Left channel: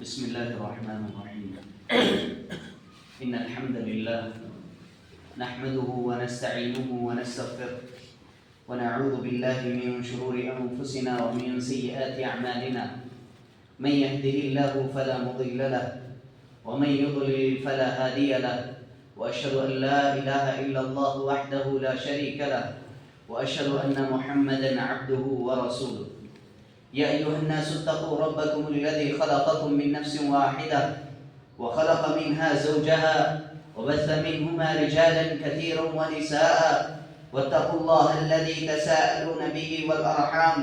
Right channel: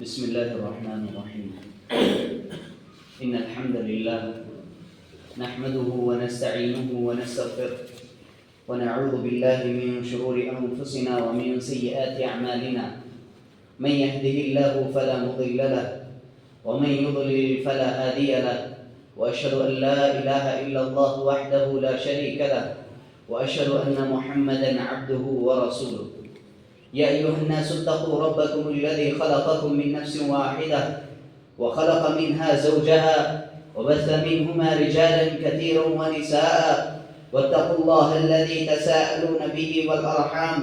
بسم الله الرحمن الرحيم. إن الحمد لله نحمده ونستعينه ونستغفره ونعوذ بالله من شرور أنفسنا ومن سيئات أعمالنا. من يهده الله فلا مضل له ومن يضلل فلا هادي له، وأشهد أن لا إله إلا الله وحده لا شريك له، وأشهد أن محمدا عبده ورسوله. يا أيها الناس اتقوا ربكم الذي خلقكم من نفس واحدة وخلق منها زوجها وبث منهما رجالا كثيرا ونساء، واتقوا الله الذي تساءلون به والأرحام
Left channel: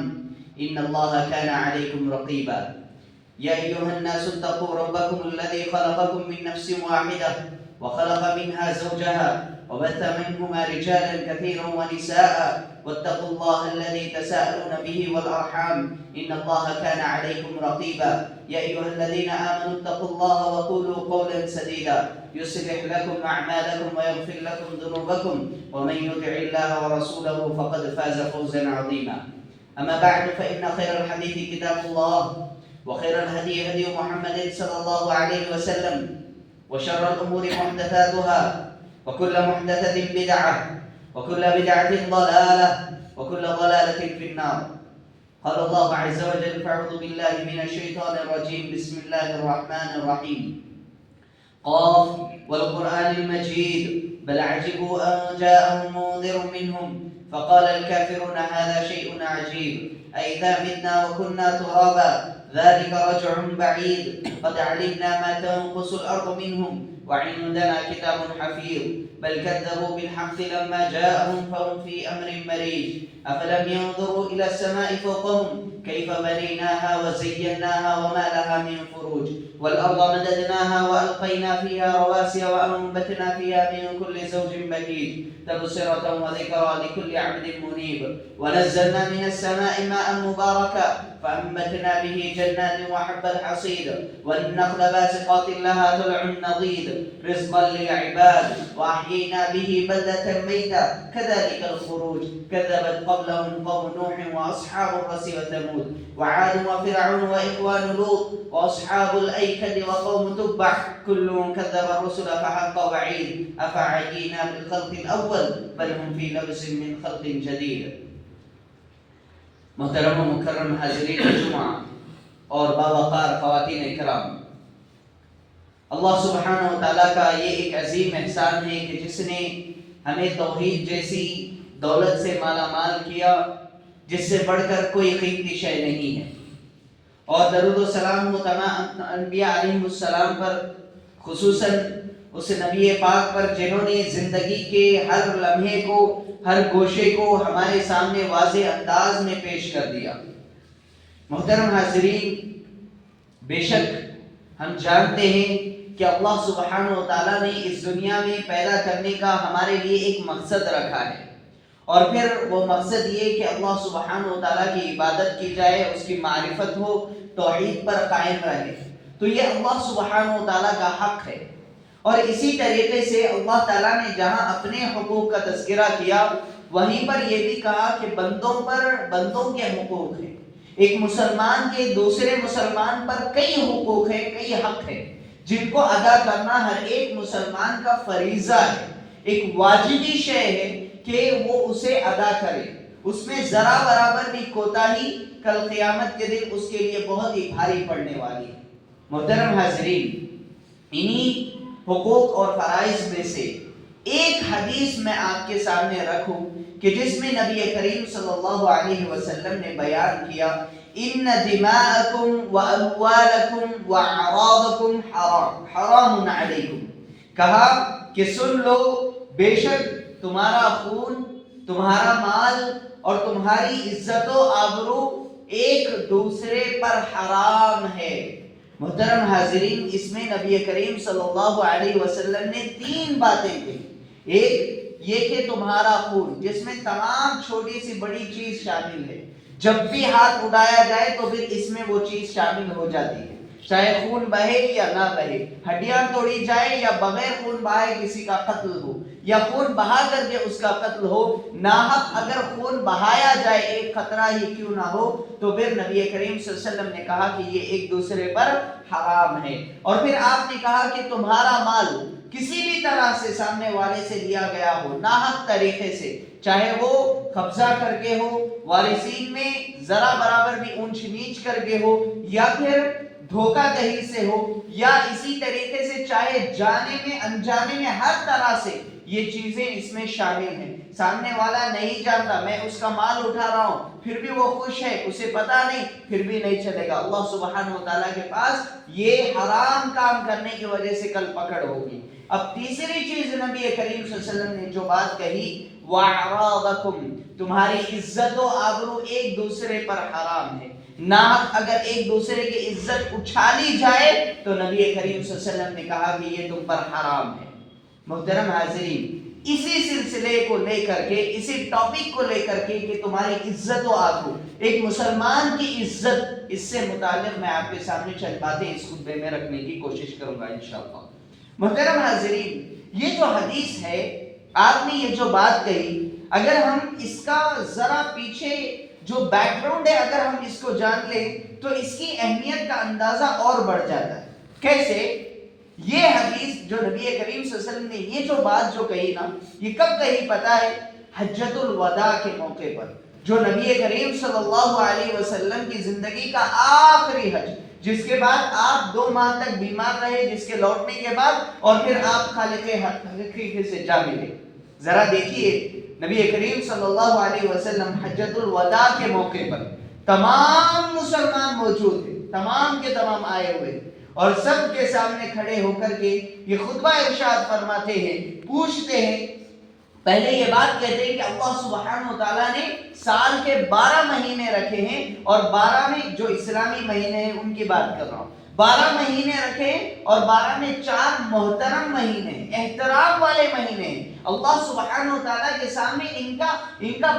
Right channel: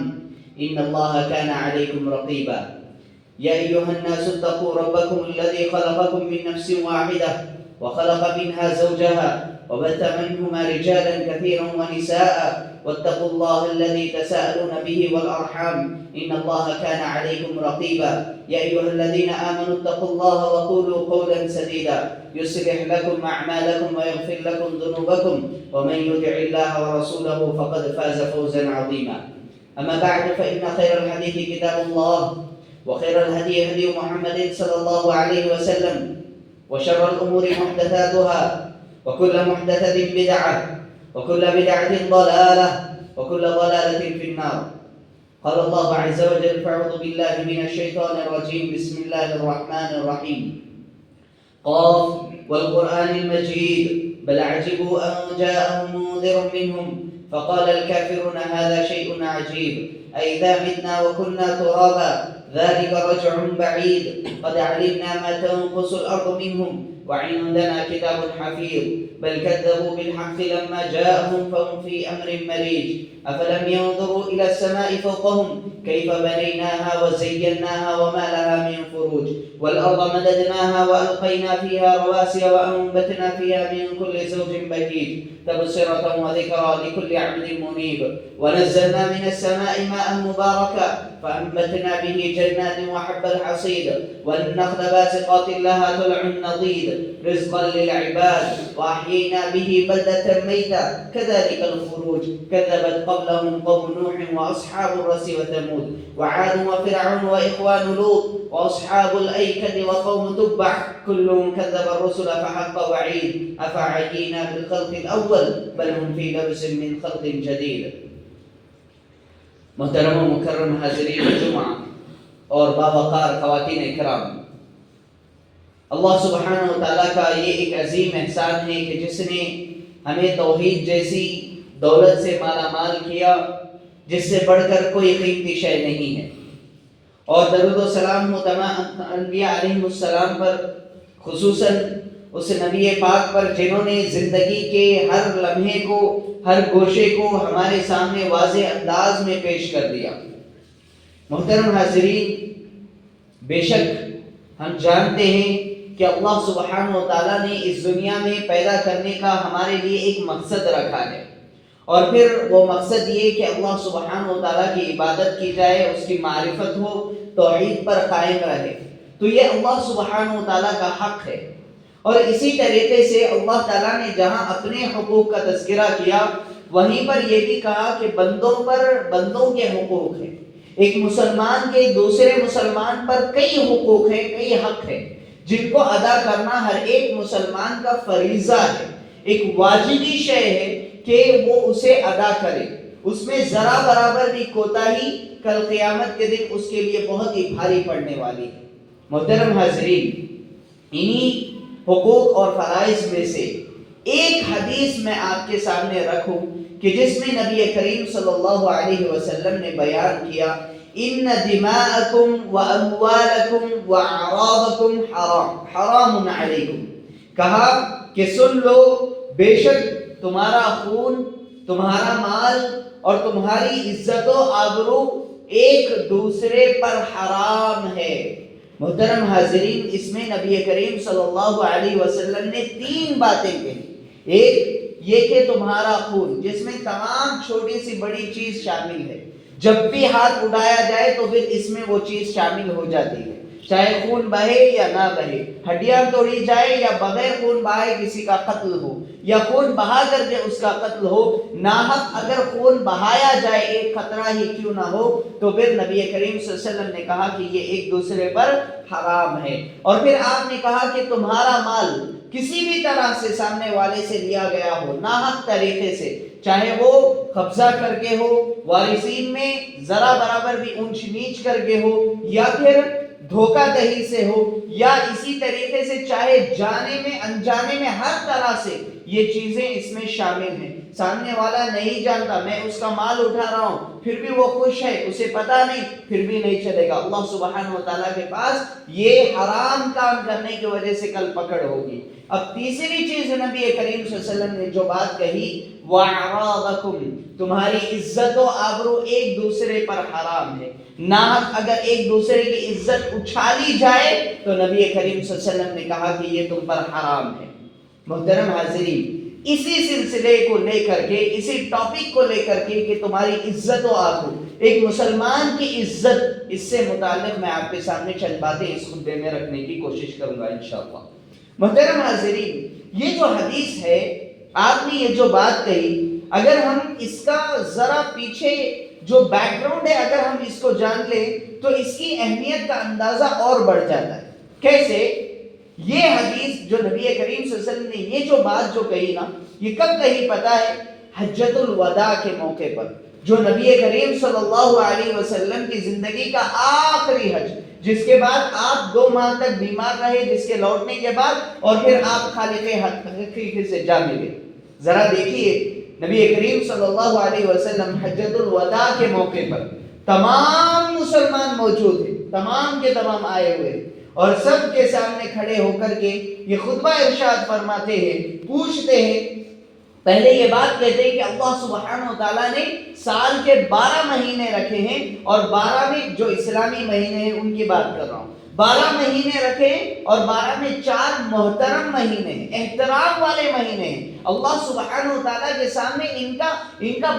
إن الله كان عليكم رقيبا. يا أيها الناس اتقوا ربكم الذي خلقكم من نفس واحدة وخلق منها زوجها وبث منهما رجالا كثيرا ونساء، واتقوا الله الذي تساءلون به والأرحام إن الله كان عليكم رقيبا. يا أيها الذين آمنوا اتقوا الله وقولوا قولا سديدا يصلح لكم أعمالكم ويغفر لكم ذنوبكم، ومن يطع الله ورسوله فقد فاز فوزا عظيما. أما بعد، فإن خير الحديث كتاب الله، وخير الهدي هدي محمد صلى الله عليه وسلم، وشر الأمور محدثاتها، وكل محدثة بدعة، وكل بدعة ضلالة، وكل ضلالة في النار. قال الله عز وجل: فأعوذ بالله من الشيطان الرجيم، بسم الله الرحمن الرحيم. قاف والقرآن المجيد بل عجبوا أن جاءهم منذر منهم فقال الكافرون هذا شيء عجيب أئذا متنا وكنا ترابا ذلك رجع بعيد قد علمنا ما تنقص الأرض منهم وعندنا كتاب حفيظ بل كذبوا بالحق لما جاءهم فهم في أمر مريج أفلم ينظروا إلى السماء فوقهم كيف بنيناها وزيناها وما لها من فروج والأرض مددناها وألقينا فيها رواسي وأنبتنا فيها من كل زوج بهيج تبصرة وذكرى لكل عبد منيب ونزلنا من السماء ماء مباركا فأنبتنا به جنات وحب الحصيد والنخل باسقات لها طلع نضيد رزقا للعباد وأحيينا به بلدة ميتا كذلك الخروج كذبت قبلهم قوم نوح وأصحاب الرس وثمود وعاد وفرعون وإخوان لوط وأصحاب الأيكة وقوم تبع كل كذب الرسل فحق وعيد أفعينا بالخلق الأول بل هم في لبس من خلق جديد. محترم و مکرم حاضرین جمعہ اور باوقار خواتین کرام، اللہ سبحانہ و تعالیٰ کا یہ ایک عظیم احسان ہے کہ جس نے ہمیں توحید جیسی دولت سے مالا مال کیا جس سے بڑھ کر کوئی قیمتی شے نہیں ہے، اور درود و سلام ہو تمام انبیاء علیہ السلام پر، خصوصاً اس نبی پاک پر جنہوں نے زندگی کے ہر لمحے کو، ہر گوشے کو ہمارے سامنے واضح انداز میں پیش کر دیا۔ محترم حاضرین، بے شک ہم جانتے ہیں کہ اللہ سبحانہ و تعالیٰ نے اس دنیا میں پیدا کرنے کا ہمارے لیے ایک مقصد رکھا ہے، اور پھر وہ مقصد یہ کہ اللہ سبحانہ و تعالیٰ کی عبادت کی جائے، اس کی معرفت ہو، توحید پر قائم رہے، تو یہ اللہ سبحانہ و تعالیٰ کا حق ہے۔ اور اسی طریقے سے اللہ تعالیٰ نے جہاں اپنے حقوق کا تذکرہ کیا وہیں پر یہ بھی کہا کہ بندوں کے حقوق ہیں۔ ایک مسلمان کے دوسرے مسلمان پر کئی حقوق ہیں، کئی حق ہیں جن کو ادا کرنا ہر ایک مسلمان کا فریضہ ہے، ایک واجبی شے ہے کہ وہ اسے ادا کرے، اس میں ذرا برابر بھی کوتاہی کل قیامت کے دن اس کے لیے بہت ہی بھاری پڑنے والی ہے۔ محترم حاضرین، انہی حقوق اور فرائض میں سے ایک حدیث میں آپ کے سامنے رکھوں کہ جس میں نبی کریم صلی اللہ علیہ وسلم نے بیان کیا: ان دماءکم واموالکم واعراضکم حرام علیکم، کہا کہ سن لو، بے شک تمہارا خون، تمہارا مال اور تمہاری عزت و آبرو ایک دوسرے پر حرام ہے۔ محترم حاضرین، اس میں نبی کریم صلی اللہ علیہ وسلم نے تین باتیں کہی۔ ایک یہ کہ تمہارا خون، جس میں تمام چھوٹی سی بڑی چیز شامل ہے، جب بھی ہاتھ اٹھایا جائے تو پھر اس میں وہ چیز شامل ہو جاتی ہے۔ چاہے خون بہے یا نہ بہے، ہڈیاں توڑی جائے یا بغیر خون بہائے کسی کا قتل ہو، یا خون بہا کر کے اس کا قتل ہو، ناحق اگر خون بہایا جائے ایک قطرہ ہی کیوں نہ ہو، تو پھر نبی کریم صلی اللہ علیہ وسلم نے کہا کہ یہ ایک دوسرے پر حرام ہے۔ اور پھر آپ نے کہا کہ تمہارا مال کسی بھی طرح سے سامنے والے سے لیا گیا ہو، ناحق طریقے سے، چاہے وہ قبضہ کر کے ہو، وارثین میں ذرا برابر بھی اونچ نیچ کر کے ہو، یا پھر دھوکہ دہی سے ہو، یا اسی طریقے سے چاہے جانے میں انجانے میں، ہر طرح سے یہ چیزیں اس میں شامل ہیں۔ سامنے والا نہیں جانتا، میں اس کا مال اٹھا رہا ہوں، پھر بھی وہ خوش ہے، اسے پتا نہیں، پھر بھی نہیں چلے گا۔ اللہ سبحانہ وتعالیٰ کے پاس یہ حرام کام کرنے کی وجہ سے کل پکڑ ہوگی۔ اب تیسری چیز نبی کریم صلی اللہ علیہ وسلم نے جو بات کہی، وَأَعْرَاضَكُمْ، تمہاری عزت و آبرو ایک دوسرے پر حرام ہے۔ ناحق اگر ایک دوسرے کی عزت اچھالی جائے تو نبی کریم صلی اللہ علیہ وسلم نے کہا کہ یہ تم پر حرام ہے۔ محترم حاضرین، اسی سلسلے کو لے کر کے، اسی ٹاپک کو لے کر کے کہ تمہاری عزت و آبرو، ایک مسلمان کی عزت، اس سے متعلق میں آپ کے سامنے چند باتیں اس خطبے میں رکھنے کی کوشش کروں گا انشاءاللہ۔ محترم حاضرین، یہ جو حدیث ہے، آپ نے یہ جو بات کہی، اگر ہم اس کا ذرا پیچھے جو بیک گراؤنڈ ہے اگر ہم اس کو جان لیں تو اس کی اہمیت کا اندازہ اور بڑھ جاتا ہے۔ کیسے؟ یہ حدیث جو نبی کریم صلی اللہ علیہ وسلم نے یہ جو بات جو کہی نا، یہ کب کہی پتہ ہے؟ حجۃ الوداع کے موقع پر، جو نبی کریم صلی اللہ علیہ وسلم کی زندگی کا آخری حج، جس کے بعد آپ 2 ماہ تک بیمار رہے، جس کے لوٹنے کے بعد، اور پھر آپ خالق حقیقی سے جا ملے۔ ذرا دیکھیے، نبی کریم صلی اللہ علیہ وسلم حجۃ الوداع کے موقع پر تمام مسلمان موجود ہیں، تمام کے تمام آئے ہوئے، اور سب کے سامنے کھڑے ہو کر کے یہ خطبہ ارشاد فرماتے ہیں، پوچھتے ہیں، پہلے یہ بات کہتے ہیں کہ اللہ سبحانہ وتعالیٰ نے سال کے 12 مہینے رکھے ہیں، اور 12 میں جو اسلامی مہینے ہیں ان کی بات کر رہا ہوں، 12 مہینے رکھے اور 12 میں 4 محترم مہینے ہیں، احترام والے مہینے ہیں۔ اللہ سبحانہ وتعالیٰ کے سامنے ان کا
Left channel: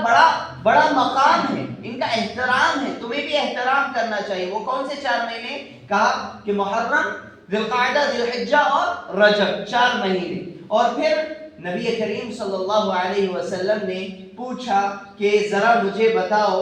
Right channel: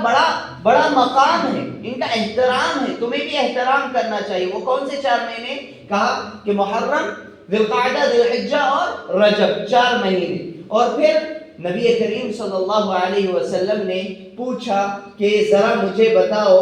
بڑا مقام ہے، ان کا احترام ہے، تمہیں بھی احترام کرنا چاہیے۔ وہ کون سے 4 مہینے؟ کہا کہ محرم، ذی القعدہ، ذی الحجہ اور رجب، 4 مہینے۔ اور پھر نبی کریم صلی اللہ علیہ وسلم نے پوچھا کہ ذرا مجھے بتاؤ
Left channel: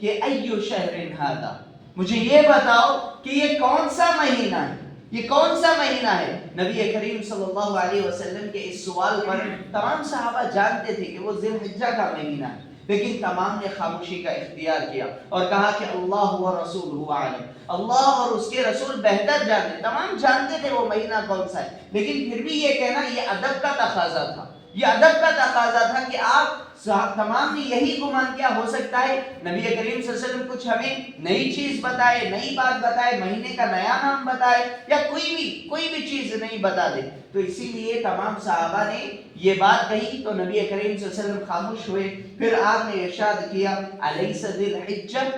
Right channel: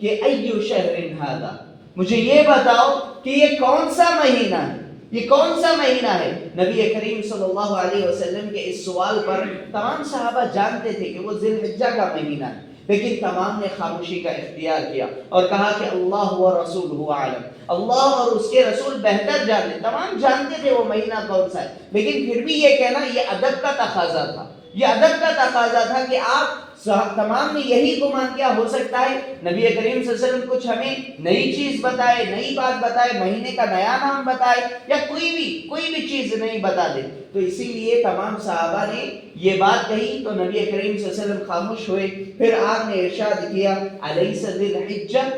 کہ ایو شہر ھذا، مجھے یہ بتاؤ کہ یہ کون سا مہینہ ہے، یہ کون سا مہینہ ہے؟ نبی کریم صلی اللہ علیہ وسلم کے اس سوال پر تمام صحابہ جانتے تھے کہ وہ ذی الحجہ کا مہینہ ہے، لیکن تمام نے خاموشی کا اختیار کیا اور کہا کہ اللہ و رسولہ اعلم، اللہ اور اس کے رسول بہتر جانتے۔ تمام جانتے تھے وہ مہینہ کون سا ہے، لیکن پھر بھی یہ کہنا یہ ادب کا تقاضا تھا، یہ ادب کا تقاضا تھا کہ آپ تمام نے یہی گمان کیا ہو سکتا ہے نبی کریم صلی اللہ علیہ وسلم کچھ ہمیں نئی چیز بتائے، نئی بات بتائے، مہینے کا نیا نام بتائے، یا کوئی بھی چیز نہیں بتا دے۔ تو اسی لیے تمام صحابہ نے یہ بات کہی تو نبی کریم صلی اللہ علیہ وسلم خاموش ہوئے۔ پھر آپ نے ارشاد کیا الیس ذی الحجہ،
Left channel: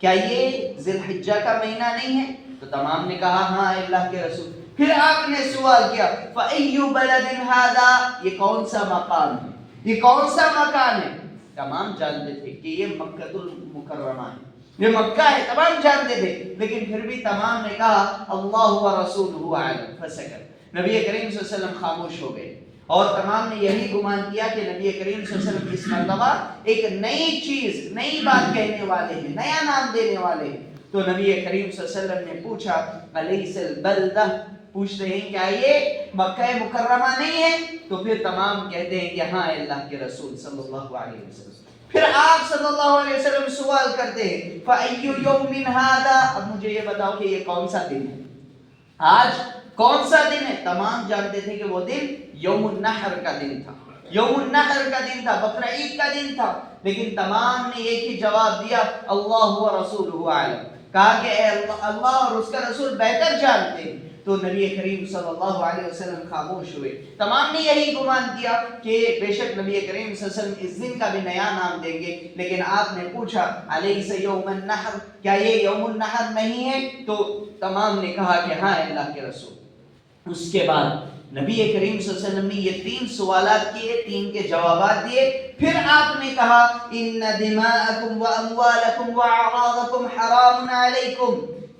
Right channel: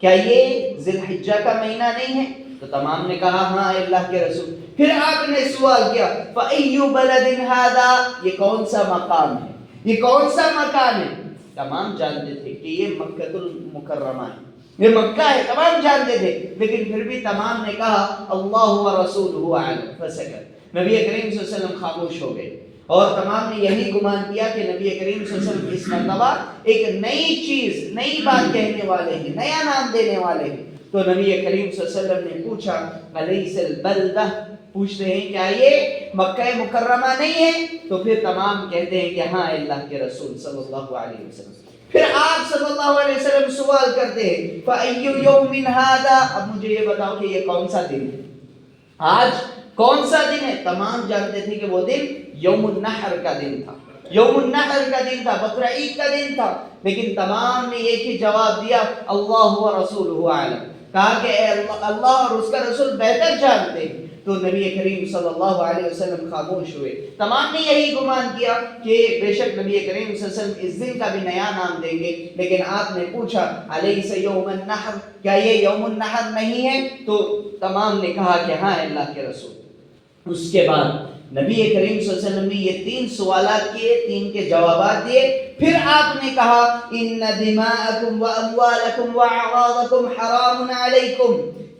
کیا یہ ذی الحجہ کا مہینہ نہیں ہے؟ تو تمام نے کہا ہاں اللہ کے رسول۔ پھر آپ نے سوال کیا فَأَيُّ بَلَدٍ هَذَا، یہ کون سا مقام ہے، یہ کون سا مکان ہے؟ تمام جانتے تھے کہ یہ مکہ المکرمہ ہے، یہ مکہ ہے، تمام جانتے تھے، لیکن پھر بھی تمام نے کہا اللہ و رسولہ اعلم، فسکت۔ نبی کریم صلی اللہ علیہ وسلم خاموش ہو گئے، اور تمام نے یہی گمان کیا کہ نبی کریم صلی اللہ علیہ وسلم اس مرتبہ ایک نئی چیز، نئی بات کہنے والے ہیں، نیا نام دینے والے ہیں۔ تو نبی کریم صلی اللہ علیہ وسلم نے پوچھا الیس البلدہ، پوچھتے ہیں کیا یہ مکہ مکرمہ نہیں ہے؟ تو پھر تمام کہتے ہیں کہ ہاں اللہ کے رسول صلی اللہ علیہ وسلم۔ پھر آپ صلی اللہ علیہ وسلم سوال کرتے ہیں فَأَيُّ يَوْمٍ هَذَا، اب مجھے یہ بتاؤ کہ یہ کون سا دن ہے، آج کون سا دن ہے؟ تمام جانتے تھے کہ وہ دن یوم النحر کا دن تھا، یوم النحر کا دن تھا، بقرہ عید کا دن تھا، لیکن تمام نے ایک ہی جواب دیا اللہ و رسولہ اعلم، کہا کہ اللہ اور اس کا رسول بہتر جانتے ہیں۔ تو نبی کریم صلی اللہ علیہ وسلم خاموش ہوئے۔ تمام نے یہی گمان کیا کہ بے شک نبی کریم صلی اللہ علیہ وسلم اس دن کا بھی نیا نام دیں گے، لیکن آپ نے پوچھا الیس یوم النحر، کیا یہ یوم النحر نہیں ہے؟ تو تمام نے کہا کہ ہاں اللہ کے رسول۔ اس کے بعد نبی کریم صلی اللہ علیہ وسلم نے یہ 3 سوالات کیے، 3 کے جوابات دیے۔ پھر آپ نے کہا ان دماءکم واموالکم واعراضکم حرام علیکم،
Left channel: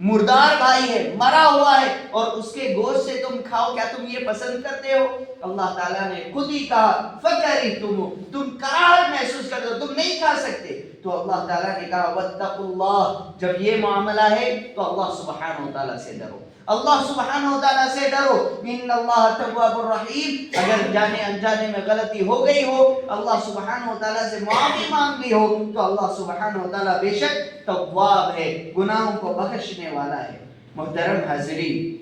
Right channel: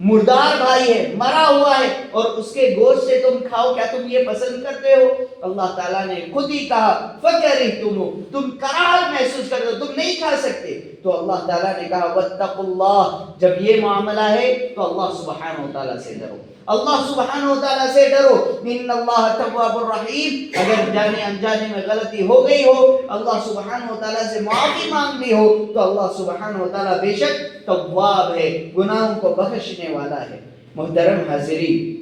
مردار بھائی ہے، مرا ہوا ہے، اور اس کے گوشت سے تم کھاؤ، کیا تم یہ پسند کرتے ہو؟ اللہ تعالیٰ نے خود ہی کہا فَكَرِهْتُمُوهُ، تم کراہت محسوس کرتے ہو، تم نہیں کھا سکتے۔ تو اللہ تعالیٰ نے کہا وَاتَّقُوا اللَّهَ، جب یہ معاملہ ہے تو اللہ سبحانہ و تعالیٰ سے ڈرو، اللہ سبحانہ و تعالیٰ سے ڈرو۔ ان اللہ تواب الرحیم، اگر جانے انجانے میں غلطی ہو گئی ہو، اللہ سبحانہ و تعالیٰ سے معافی مانگ لی ہو، تو اللہ سبحانہ و تعالیٰ بے شک تواب ہے، گناہوں کو بخشنے والا ہے۔ محترم حاضرین،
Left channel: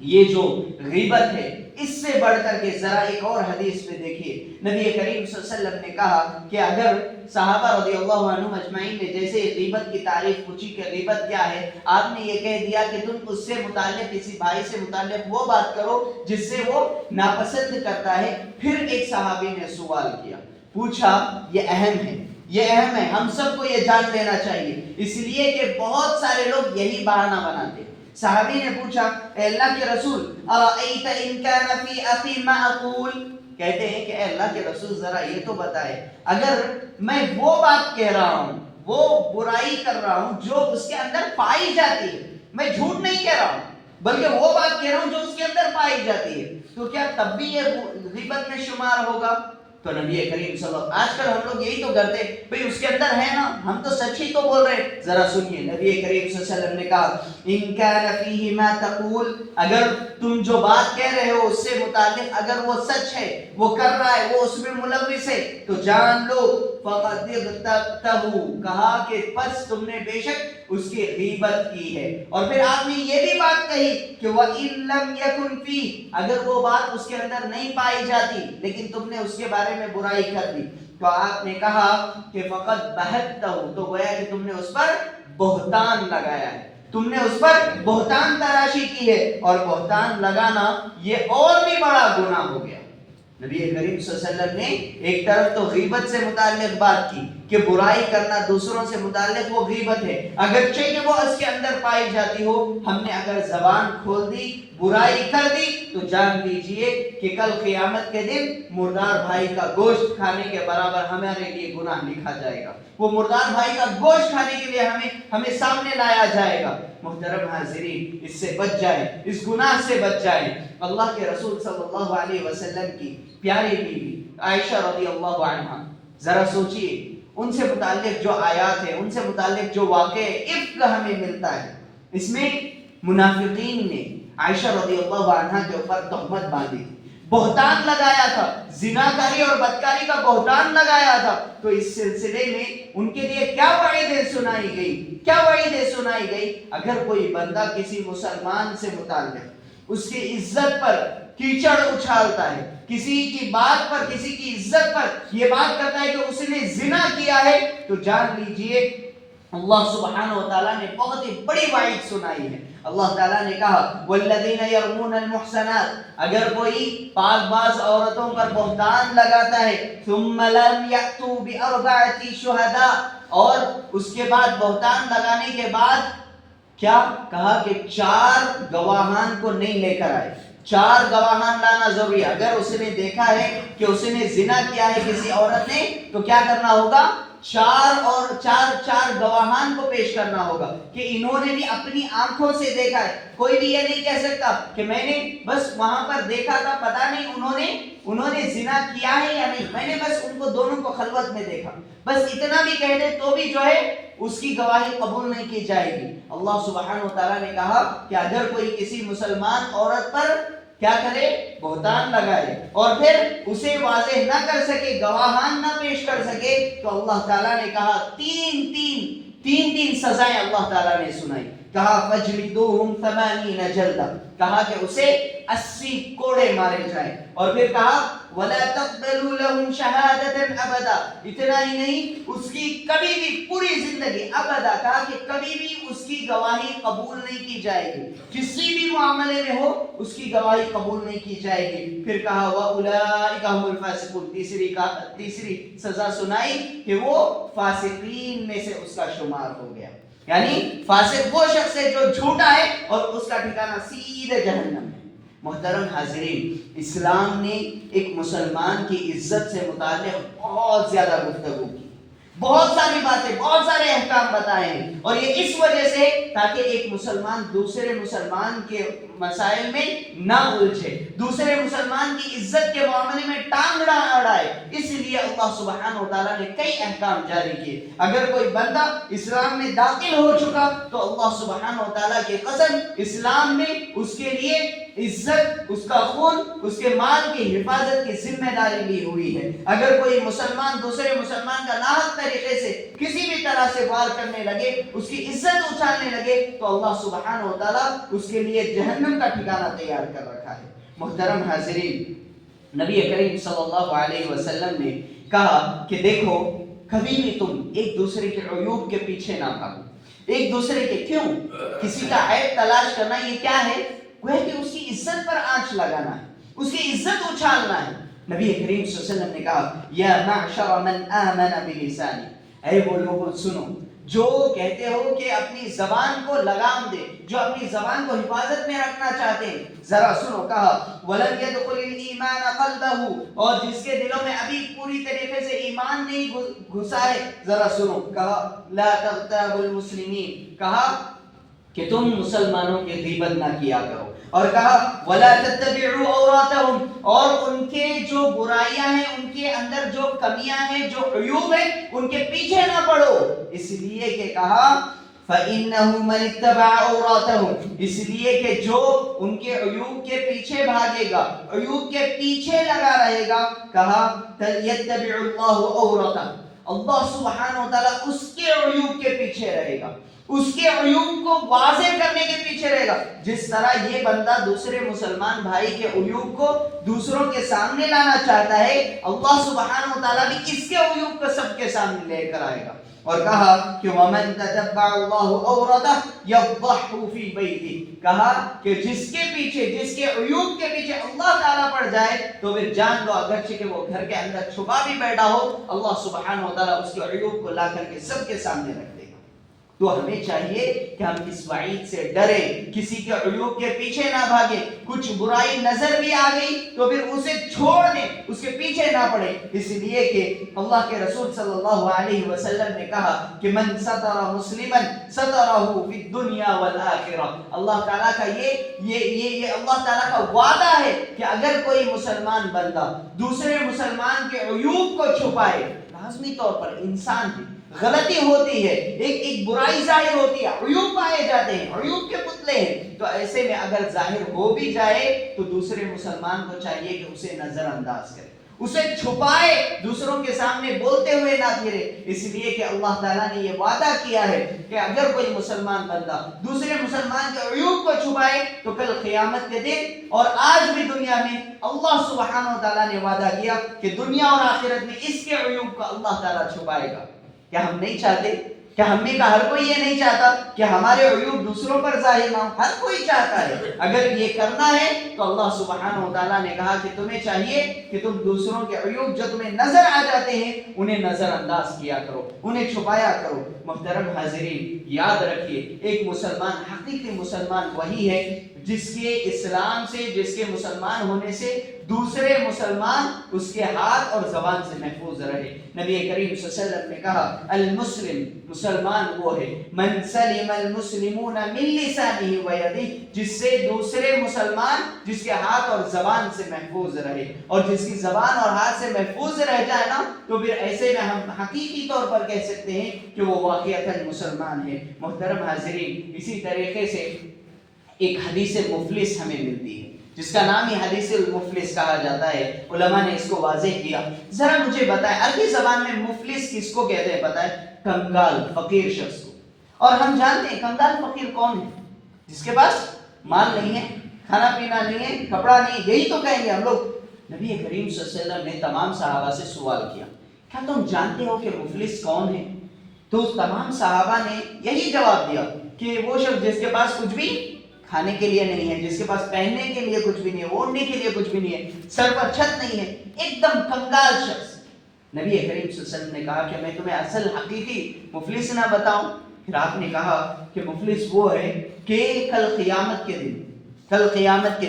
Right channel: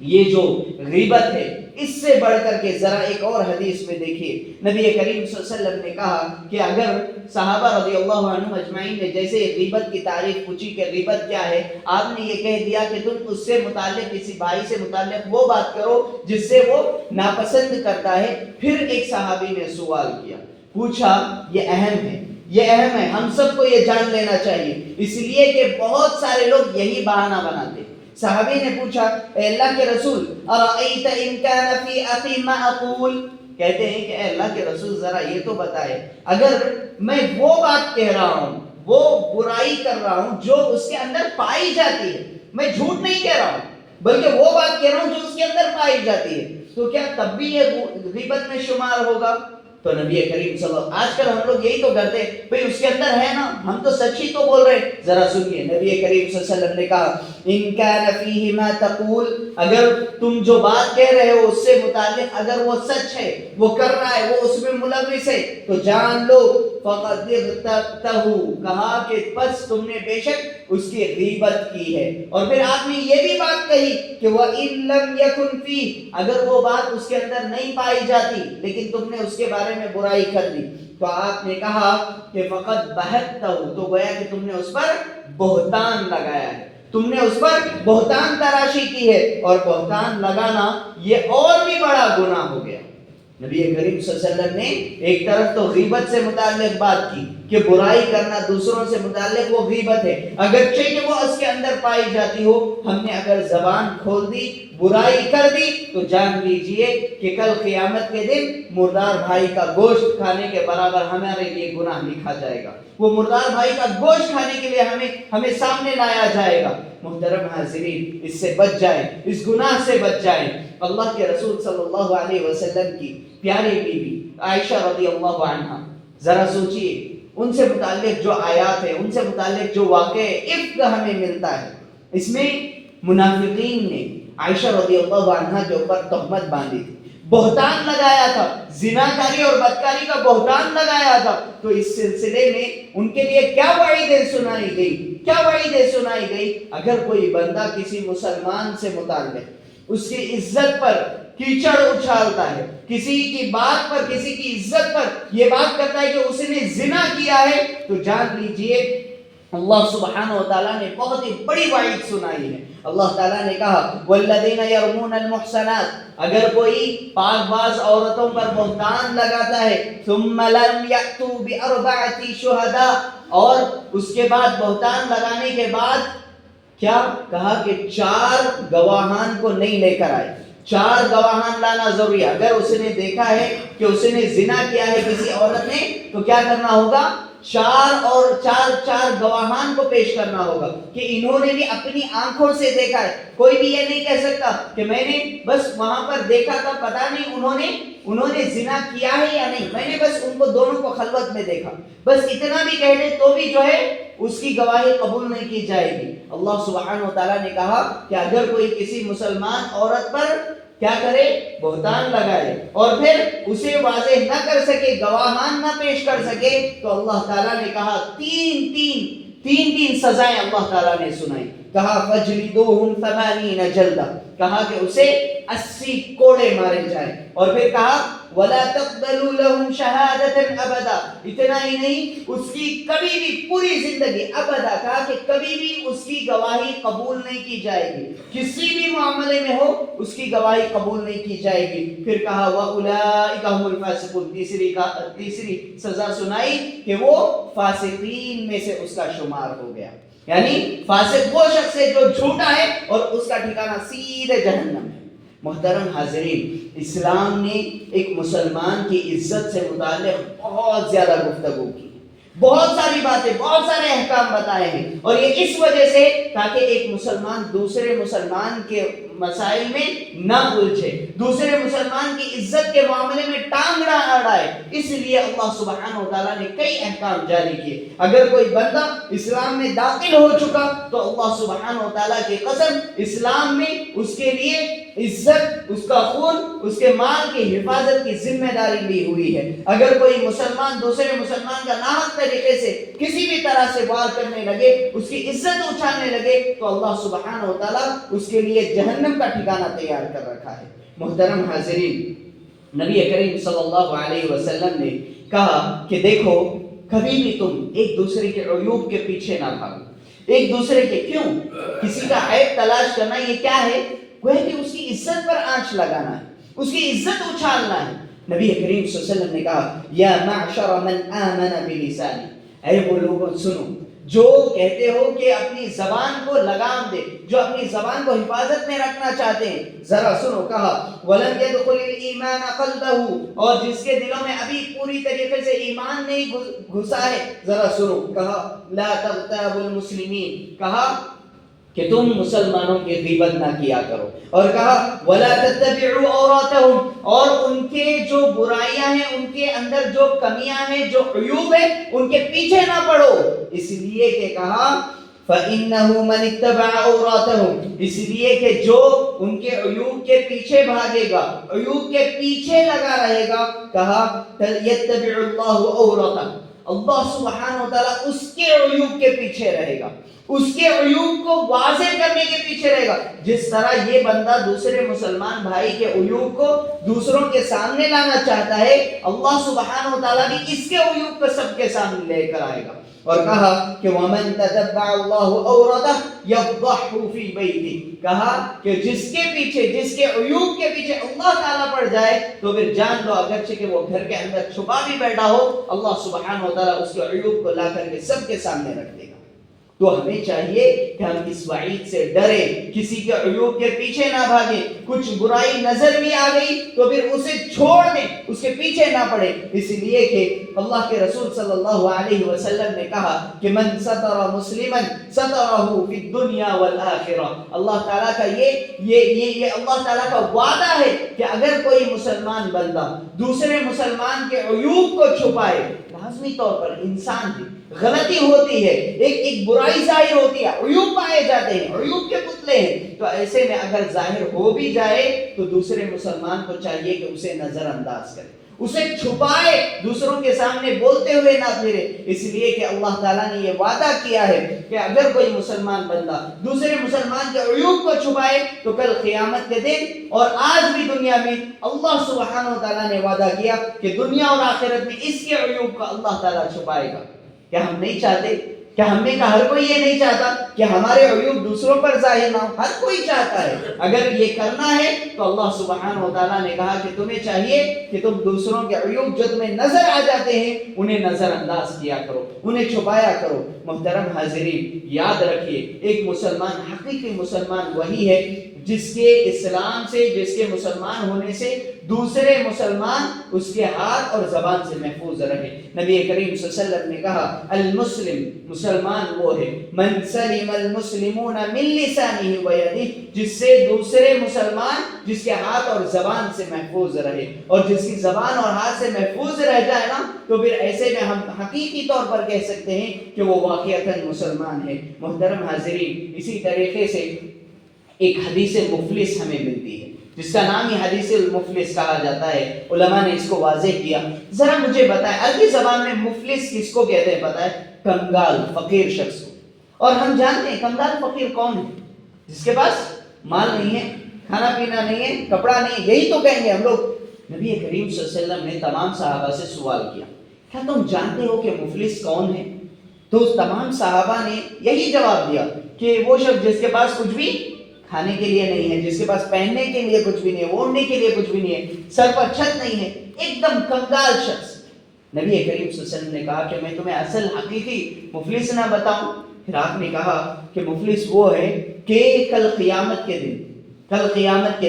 یہ جو غیبت ہے اس سے بڑھ کر کے ذرا ایک اور حدیث میں دیکھیے، نبی کریم صلی اللہ علیہ وسلم نے کہا کہ اگر صحابہ رضی اللہ عنہم اجمعین نے جیسے غیبت کی تعریف پوچھی کہ غیبت کیا ہے، آپ نے یہ کہہ دیا کہ تم اس سے متعلق، کسی بھائی سے متعلق وہ بات کرو جس سے وہ ناپسند کرتا ہے۔ پھر ایک صحابی نے سوال کیا، پوچھا، یہ اہم ہے، یہ اہم ہے، ہم سب کو یہ جان لینا چاہیے، اس لیے کہ بہت سارے لوگ یہی بہانہ بناتے ہیں۔ صحابی نے پوچھا، اے اللہ کے رسول، ارأیت ان کان فی اخی ما اقول، کہتے ہیں کہ اے اللہ کے رسول ذرا یہ تو بتائے، اگر میں وہ بات کہہ رہا ہوں، وہ برائی کر رہا ہوں جو اس کے اندر پائی جاتی ہے، میں جھوٹ نہیں کہہ رہا ہوں بلکہ وہ بات کہہ رہا ہوں جو اس کے اندر پائی جاتی ہے، تو کیا تب بھی یہ غیبت میں شمار ہوگا؟ تو نبی کریم صلی اللہ علیہ وسلم، آج کل ہم لوگ یہی تو کرتے ہیں، بھئی اس کے اندر ہے نا، ہم تو سچ ہی تو بول رہے ہیں۔ ذرا سنیے، نبی کریم صلی اللہ علیہ وسلم نے کہا ان کان فیہ ما تقول، اگر تم جو بات کہہ رہے ہو اس سے متعلق اگر وہ سچ ہے، وہ کر رہا ہے، وہ اس میں ملوث ہے، تو جان لو فقد اغتبتہ، کہا کہ پس تم نے بے شک اس کی غیبت کی ہے۔ اور پھر آپ نے یہ بھی بات کہی کہ وَإِن لَمْ يَكُنْ فِيهِ، اگر وہ بات اس کے اندر نہیں پائی جاتی لیکن تم نے اس کے بارے میں برائی کر دی، تو آپ نے کہا کہ فقط بہتہ، تو گویا کہ تم نے اس پر بہتان لگایا ہے، تم نے اس پر بہتان تراشی کی ہے، اور بہتان لگانا یہ اور بھی بڑا گناہ ہو گیا۔ نبی کریم صلی اللہ علیہ وسلم نے ایک طرف تو غیبت سے متعلق بات کی کہ برائی کرنا دوسروں سے متعلق وہ غیبت ہے، اگرچہ کہ وہ اس کے اندر پائی جاتی ہو، ہم نے اگر زبان کھول دی، برائی کر دی، تو جان لیجئے کہ کل قیامت کے دن مردار بھائی کا گوشت کھانے کے برابر ہمارے لیے گناہ لکھا جائے گا، وہ مردار بھائی کا گوشت کھانے کے لیے ہمیں سامنے لایا جائے گا۔ محترم حاضرین، اس سے بچ جائیں، اس گناہ سے بچ جائیں۔ اللہ کے رسول صلی اللہ علیہ وسلم کی پیاری بیوی عائشہ رضی اللہ عنہا، ذرا سوچئے ان سے متعلق جو آیات ہیں، ان سے متعلق جو واقعہ افک ہمیں ملتا ہے، اس میں منافقین نے عائشہ رضی اللہ عنہا کے اوپر تہمت باندھی تھی، بہتان لگایا تھا، زناکاری اور بدکاری کا بہتان لگایا تھا۔ تو اس سلسلے میں ان کے لیے کیا وعیدیں سنائی گئی، کیا وعیدیں سنائی گئی؟ اگر کوئی بندہ کسی مسلمان سے متعلق اس کی عزت پر کیچڑ اچھالتا ہے، کسی کی بات پر، کسی کی عزت پر یہ بات کرتا ہے کہ اس نے زنا کیا ہے، تو جان لیجئے اللہ سبحانہ و تعالیٰ نے بہت ہی بڑی وعید سنائی ہے۔ اللہ تعالیٰ نے کہا والذین یرمون المحصنات، اگر کوئی پاک باز عورتوں پر بہتان لگاتا ہے، ثم لم یأتوا بأربعۃ شہداء، اور اس کے بعد بہتان لگانے کے بعد کیا کہا کہ 4 گواہان کو نہیں لے کر آئے، 4 گواہان لانا ضروری ہے۔ اگر اس نے دیکھا ہے کہ اس نے زنا کیا ہے کسی عورت نے، تو کیا کرنا ہوگا؟ 4 گواہان کو پیش کرنا ہوگا کہ انہوں نے بھی اپنی آنکھوں سے دیکھا ہے۔ کوئی بھی یہ نہیں کہہ سکتا کہ میں نے بس وہاں پر دیکھا تھا، پتہ نہیں انہوں نے زنا کیا ہے یا نہیں، میں نے بس ان کو دونوں کو خلوت میں دیکھا، بس اتنا بھی کہہ دے تو بھی جو ہے اس کی گواہی قبول نہیں کی جائے گی۔ اللہ سبحانہ و تعالیٰ نے کہا کہ اگر کوئی کسی مسلمان عورت پر کیا کرے، بہتان لگائے، اور پھر اسے واضح نہ کر سکے، گواہان نہ پیش کر سکے، تو اللہ تعالیٰ نے کہا تین سزائیں اللہ تعالیٰ نے سنائی۔ کہا فجلدوہم 80 جلدہ، کہا کہ اسے 80 کوڑے مارے جائیں، اور پھر کہا وَلَا تَقْبَلُوا لَهُمْ شَهَادَةً أَبَدًا، اتنا ہی نہیں، اس کی کبھی بھی پوری زندگی ابدا، کہا کہ کبھی بھی اس کی گواہی قبول نہیں کی جائے گی، کسی بھی معاملے میں ہو اس کی گواہی قبول نہیں کی جائے گی۔ پھر کہا وَأُولَئِكَ هُمُ الْفَاسِقُونَ، تیسری سزا سنائی کہ وہ فاسقین میں سے اس کا شمار ہو گیا، یعنی فاسق وہ شخص ہے جو جھوٹا ہے اور اس کا ٹھکانہ سیدھے جہنم ہے۔ محترم حاضرین، اسلام نے ایک مسلمان کی عزت سے متعلق بہت زیادہ گفتگو کی، بہت ساری باتیں، بہت سارے احکام بتائے ہیں، اور یہ اس وجہ سے تاکہ ایک مسلمان دوسرے مسلمان کے مسائل میں نہ الجھے، دوسرے مسلمان کی عزت کے معاملے میں ٹانگ نہ اڑائے، اس لیے اللہ سبحانہ و تعالیٰ نے کئی احکام جاری کیے۔ اگر کوئی بندہ اسلام میں داخل ہو چکا تو اللہ سبحانہ و تعالیٰ کی قسم اسلام میں اس کے لیے عزت، اس کا خون، اس کے مال کی حفاظت کی ذمہ داری لی ہوئی ہے۔ اگر کوئی مسلمان دوسرے مسلمان کا ناحق طریقے سے کسی بھی طرح سے وار کرنے لگے، اس کی عزت اچھالنے لگے، تو اللہ سبحانہ و تعالیٰ اس کے لیے جہنم کا ٹھکانہ تیار کر رکھا ہے۔ محترم حاضرین، نبی کریم صلی اللہ علیہ وسلم نے کہا کہ دیکھو، کبھی بھی تم ایک دوسرے کے عیوب کے پیچھے نہ بھاگو۔ ایک دوسرے کے کیوں کسی کا عیب تلاش کرنا، یہ کیا ہے؟ وہ ہے کہ اس کی عزت پر آنچ لگانا ہے، اس کی عزت اچھالنا ہے۔ نبی کریم صلی اللہ علیہ وسلم نے کہا یا معشر من آمن بلسانی، اے وہ لوگوں سنو جو کہتے ہو کہ اپنی زبان کو لگام دے، جو اپنی زبان کو حفاظت میں رکھنا چاہتے ہیں، ذرا سنو، کہا وَلَمْ يَدْخُلِ الْإِيمَانَ قَلْبَهُ، اور جس کے دلوں میں ابھی پوری طریقے سے ایمان نہیں گھسا ہے، ذرا سنو، کہا لَا تَغْتَابُ الْمُسْلِمِينَ، کہا کہ تم مسلمانوں کی غیبت نہ کیا کرو، اور کہا وَلَا تَتَّبِعُوا عَوْرَاتَهُمْ، اور ان کے جو برائیاں ہیں، ان کے اندر جو کمیاں ہیں، جو عیوب ہیں، ان کے پیچھے نہ پڑو، اس لیے کہ کہا فَإِنَّهُ مَنِ اتَّبَعَ عَوْرَاتَهُمْ، اس لیے کہ جو ان کے عیوب کے پیچھے بھاگے گا، عیوب کے پیچھے لگا رہے گا، کہا يَتَّبِعُ اللَّهُ عَوْرَتَهُ، اللہ سبحانہ وتعالی اس کے عیوب کے پیچھے رہے گا، اس کے عیوب کو واضح کرنے کے پیچھے رہے گا۔ جس طرح یہ بندہ دوسرے مسلمان بھائی کے عیوب کو دوسروں کے سامنے لانا چاہتا ہے، اللہ سبحانہ وتعالیٰ بھی اس کے عیوب کو سب کے سامنے لے کر آئے گا، اور کہا کہ وَمَن تَتَبَّعَ اللَّهُ عَوْرَتَهُ يَفْضَحْهُ فِي بَيْتِهِ، کہا کہ جس کے پیچھے، جس کے عیوب کے پیچھے اللہ تعالیٰ پڑ جائے تو پھر جان لو اگرچہ کہ وہ گھر کے اندر چھپا بھی بیٹھا ہو، اللہ سبحانہ وتعالیٰ اس کے عیوب کو لا کر کے سب کے سامنے رکھ دے گا۔ تو ہمیں چاہیے کہ ہم اس وعید سے ڈریں، کسی کے عیوب کے پیچھے نہ بھاگیں، کچھ برائی نظر بھی آ گئی تو پھر اسے چھوڑ دیں، اس کے پیچھے نہ پڑیں، اس لیے کہ اللہ کے رسول صلی اللہ علیہ وسلم نے کہا کہ من ستر مسلما سترہ فی الدنیا والآخرہ، اللہ تعالیٰ کا یہ اللہ تعالیٰ کا وعدہ ہے کہ اگر کوئی مسلمان بندہ دوسرے مسلمان کے عیوب کو چھپائے، لازمی طور پر انسان ہے، غلطی ہوتی ہے، ایک برائی ظاہر ہوتی ہے، عیوب پائے جاتے ہیں، عیوب کے پتلے ہیں، تو ایسے میں اگر ظاہر ہو بھی جائے تو دوسرے مسلمان کو چاہیے کہ اسے نظر انداز کرے، اسے چھپائے، دوسروں کے سامنے بولتے ہوئے نہ پھرے، اس لیے کہ اللہ تعالیٰ نے یہ وعدہ کیا ہے کہ اگر کوئی مسلمان بندہ دوسرے مسلمان کے عیوب کو چھپائے تو کل قیامت کے دن اور آج بھی دنیا میں اللہ سبحانہ وتعالیٰ نے وعدہ کیا کہ دنیا اور آخرت میں اس کے عیوب کو اللہ تعالیٰ چھپائے گا۔ کیا ہم نہیں چاہتے؟ کیا ہم میں کا ہر کوئی یہ نہیں چاہتا کہ ہمارے عیوب دوسروں پر ظاہر نہ ہو؟ ہر کوئی چاہتا ہے۔ اگر یہ کرنا ہے تو اللہ سبحانہ وتعالیٰ نے کہا کہ تمہیں چاہیے کہ تم دوسروں کے عیوب جو تمہیں نظر آ جاتے ہیں انہیں نظر انداز کیا کرو، انہیں چھپایا کرو۔ محترم حاضرین، یاد رکھیے ایک مسلمان، حقیقی مسلمان وہی ہے جس کے اسلام سے، جس کے مسلمان ہونے سے دوسرے مسلمان اس کے ہاتھ اور زبان سے محفوظ رہے۔ نبی کریم صلی اللہ علیہ وسلم نے کہا المسلم، مسلمان وہ ہے من سلم المسلمون من لسانہ ویدہ، جس سے دوسرے مسلمان، جس کے ہاتھ اور زبان سے محفوظ رہے، اور جس کی زبان اور ہاتھ سے محفوظ رہ جائے نا تو پھر ایسے میں ہم حقیقی طور پر کہہ سکتے ہیں کہ وہ واقعتاً مسلمان ہے۔ محترم حاضرین، اسی طریقے سے ایک حدیث مفلس ہمیں ملتی ہے جس کا نام ہی حدیث المفلس کہا جاتا ہے، علماء نے اس کو واضح کیا۔ ذرا مجھے بتائیں عربی زبان میں مفلس کس کو کہتے ہیں؟ بتائیں، کنگال، فقیر شخص کو۔ اور ہم جانتے ہیں کنگال فقیر کون ہے؟ جس کے پاس مال نہیں ہے، کھانا پینا نہیں ہے، کپڑا نہیں ہے، یہی تو کہیں گے ہم لوگ۔ نبی کریم صلی اللہ علیہ وسلم نے تمام صحابہ سے سوال کیا، کیا تم جانتے ہو کہ مفلس کون ہے؟ تو تمام صحابہ نے یہی جواب دیا کہ وہ شخص جس کے پاس کچھ بھی کھانے کے لیے نہیں ہے، جس کے پاس پہننے کے لیے کچھ بھی نہیں ہے، اوڑھنے کے لیے کچھ بھی نہیں ہے، سر پر چھت نہیں ہے، ایک دم کنگال شخص۔ نبی کریم صلی اللہ علیہ وسلم نے کہا کہ میں تمہیں اصل حقیقی مفلس نہ بتاؤں؟ پھر آپ نے کہا کہ مفلس وہ ہے کہ کل قیامت کے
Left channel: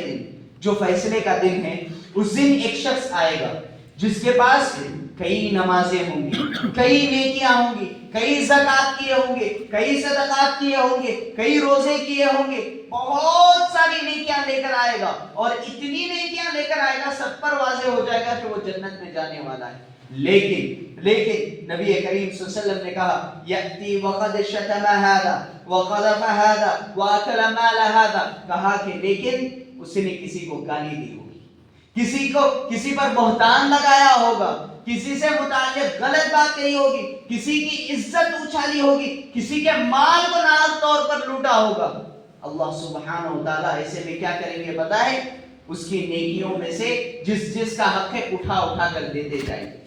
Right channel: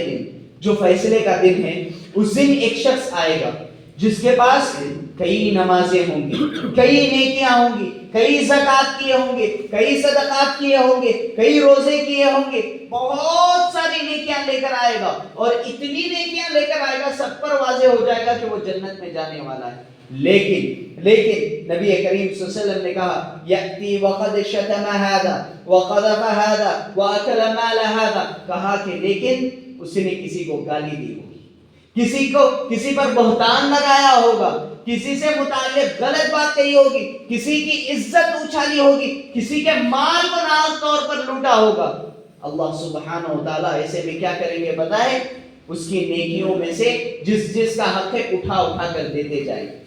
دن جو فیصلے کا دن ہے، اس دن ایک شخص آئے گا جس کے پاس کئی نمازیں ہوں گی، کئی نیکیاں ہوں گی، کئی زکوٰۃ کیے ہوں گے، کئی صدقات کیے ہوں گے، کئی روزے کیے ہوں گے، بہت ساری نیکیاں لے کر آئے گا، اور اتنی نیکیاں لے کر آئے گا سب پر واضح ہو جائے گا کہ وہ جنت میں جانے والا ہے۔ لیکن نبی کریم صلی اللہ علیہ وسلم نے کہا یأتی وقد شتم هذا وقذف هذا واکل مال هذا، کہا کہ لیکن اس نے کسی کو گالی دی ہوگی، کسی پر بہتان لگایا ہوگا، کسی سے متعلق غلط بات کہی ہوگی، کسی کی عزت اچھالی ہوگی، کسی کے مال کو ناحق طور پر لوٹا ہوگا۔ اللہ سبحانہ و تعالیٰ ایسے میں کیا کریں گے پتہ ہے؟ اس کی نیکیوں میں سے جس کا حق ہے اٹھا کر دیتے جائیں گے،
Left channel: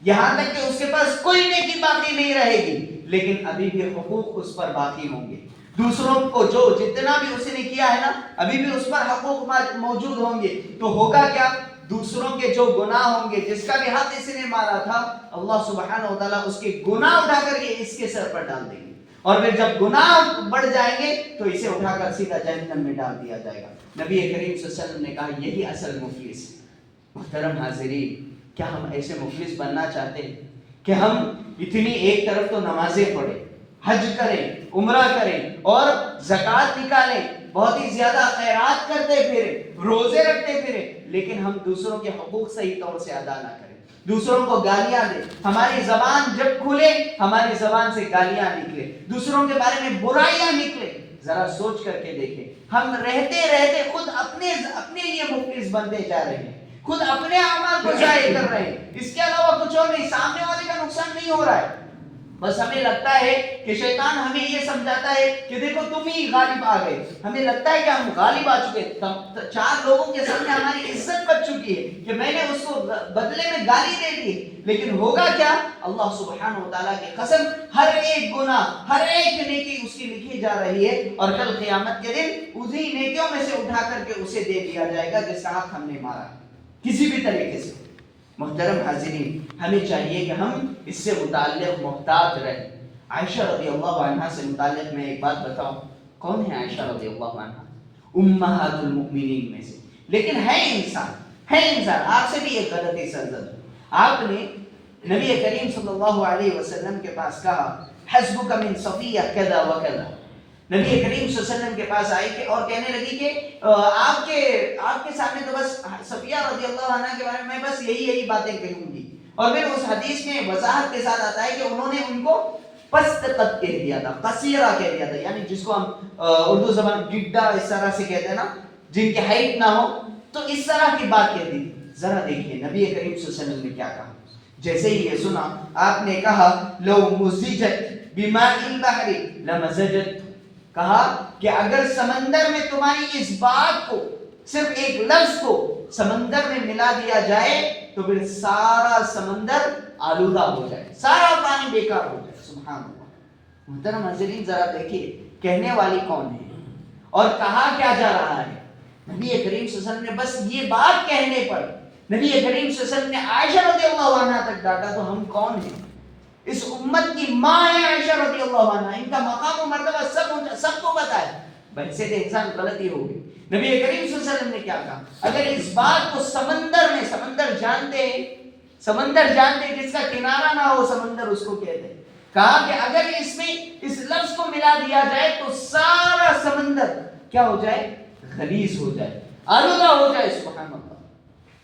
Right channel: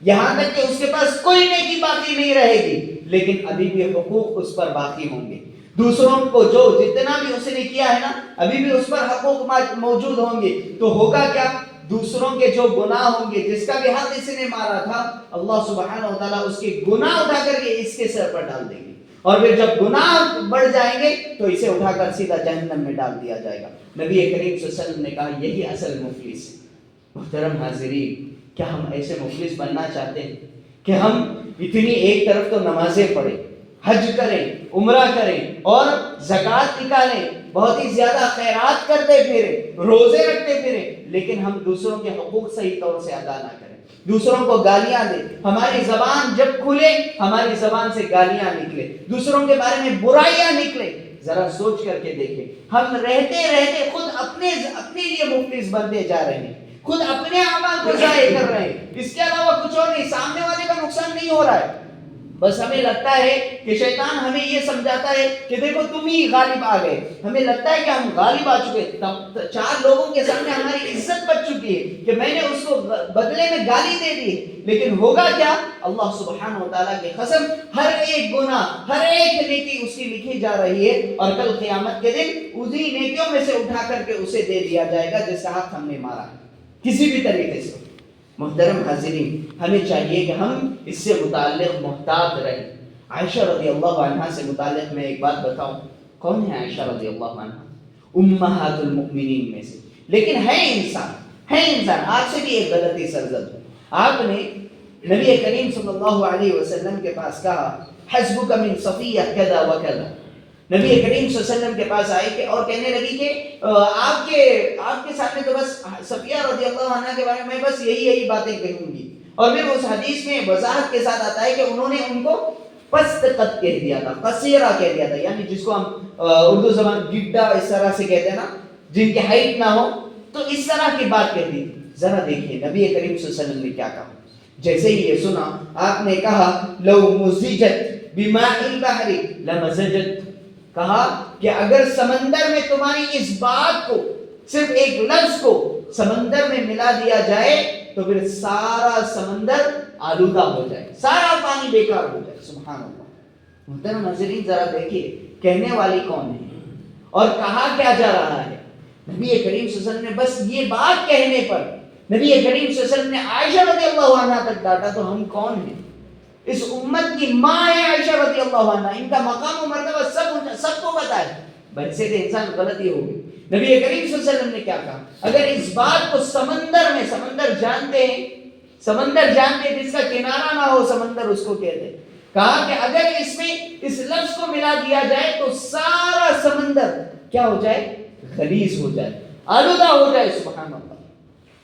یہاں تک کہ اس کے پاس کوئی نیکی باقی نہیں رہے گی، لیکن ابھی بھی حقوق اس پر باقی ہوں گے۔ دوسروں کو جو جتنا بھی اس نے کیا ہے نا، ابھی بھی اس پر حقوق موجود ہوں گے۔ تو ہوگا کیا؟ دوسروں کے جو گناہ ہوں گے، جس کا بھی حق اس نے مارا تھا، اللہ سبحانہ و تعالیٰ اس کے گناہ اٹھا کر کے اس کے سر پر ڈال دیں گے، اور پھر جب گناہ بڑھ جائیں گے تو اسے اٹھا کر سیدھا جہنم میں ڈال دیا جائے گا۔ نبی کریم صلی اللہ علیہ وسلم نے کہا یہی اصل مفلس ہے۔ محترم حاضرین، کیا ہم ایسے مفلس بننا چاہتے ہیں کہ ہم اتنی ایک طرف تو نمازیں پڑھیں، حج کریں، عمرہ کریں اور زکوٰۃ نکالیں، بہت ہی زیادہ خیرات کرتے پھریں، روزے رکھتے پھریں، لیکن ہم دوسروں کے حقوق صحیح طور سے ادا نہ کریں، دوسروں کو گالیاں دیں، ہماری زبان جب کھلے ہماری زبان سے گالیاں نکلے، دوسروں کے بارے میں برائیاں نکلے۔ ذرا سوچ کر کے دیکھیں، ہم رہتے رہتے خود اپنے لیے مفلس بنتے جا رہے ہیں، خود اپنے اعمال کو ضائع کر رہے ہیں، اس کے علاوہ کچھ اور نہیں، سامنے والے کا نقصان نہیں ہو رہا ہے۔ بس ہمیں لگتا ہے کہ شیطان ہمیں یہ سمجھاتا ہے کہ دیکھو تم ہی غالب آ گئے، ہمیں لگتا ہے کہ ہم غالب آ چکے، چار لوگوں کے سامنے ہماری عزت بچ چکی ہے کہ میں نے اس کو بدلے میں گالی دے دی، لیکن ہوگا کیا؟ اللہ سبحانہ و تعالیٰ کی قسم، ہر ایک گناہ، ہر ایک نیکی اس کی لکھی جا رہی ہے، اور کل قیامت کے دن اسی نیکیوں میں سے اٹھا کر کے اسے دے دیا جائے گا جس کا حق ہم نے مارا ہے کسی بھی طریقے سے۔ محترم حاضرین، ہمیں چاہیے کہ ہم اس سے متعلق محتاط رہیں۔ عائشہ رضی اللہ عنہا سے متعلق میں ایک بات بتاؤں، کون ہے عائشہ رضی اللہ عنہا؟ امہات المؤمنین میں سے، لیکن ہے انسان، آپ سے بھی ایک غلطی سرزد ہو۔ آپ نے نبی کریم صلی اللہ علیہ وسلم کے پاس کہا حسبک من صفیہ کذا و کذا، نبی کریم صلی اللہ علیہ وسلم کے پاس آئے کہ اور کہنے لگی کہ آپ کے سامنے تو بس صفیہ رضی اللہ عنہ کے بارے میں بس یہی باتیں کہوں گی، اور پھر اس حدیث میں وضاحت کے ساتھ آتا ہے کہ انہوں نے ان کو پست قد کہہ دیا تھا، قصیرہ کہہ دیا تھا، یعنی جس کو ہم اردو زبان گڈا اس طرح سے کہتے ہیں نا، جن کی ہائٹ نہ ہو، تو اس طرح کی بات کہہ دی۔ ذرا دیکھیے نبی کریم صلی اللہ علیہ وسلم نے کیا کہا۔ جیسے ہی یہ سنا آپ نے کہا لو مزجت بماء البحر لمزجت، کہا کہ اگر سمندر میں تمہاری اس بات کو، صرف ایک لفظ کو سمندر میں ملا دیا جائے تو پھر سارا سمندر آلودہ ہو جائے، سارا پانی بیکار ہو جائے۔ سبحان اللہ۔ محترم حاضرین، ذرا دیکھیے کہنے والی کون ہے اور کہا کیا جا رہا ہے۔ نبی کریم صلی اللہ علیہ وسلم نے بس یہ بات کہنے پر نبی کریم صلی اللہ علیہ وسلم نے عائشہ رضی اللہ عنہا تک ڈانٹا، تو ہم کون ہیں؟ اس امت کی ماں ہے عائشہ رضی اللہ عنہا، ان کا مقام و مرتبہ سب کو پتا ہے، بحثیت انسان غلطی ہوگی۔ نبی کریم صلی اللہ علیہ وسلم نے کیا کہا؟ اگر اس بات کو سمندر جانتے ہیں جس کا کنارہ نہ ہو سمندر اس کو کہتے ہیں، کہا کہ اگر اس میں اس لفظ کو ملا دیا جائے تو سارا سمندر کیا ہو جائے؟ غلیظ ہو جائے، آلودہ ہو جائے۔ سبحان اللہ۔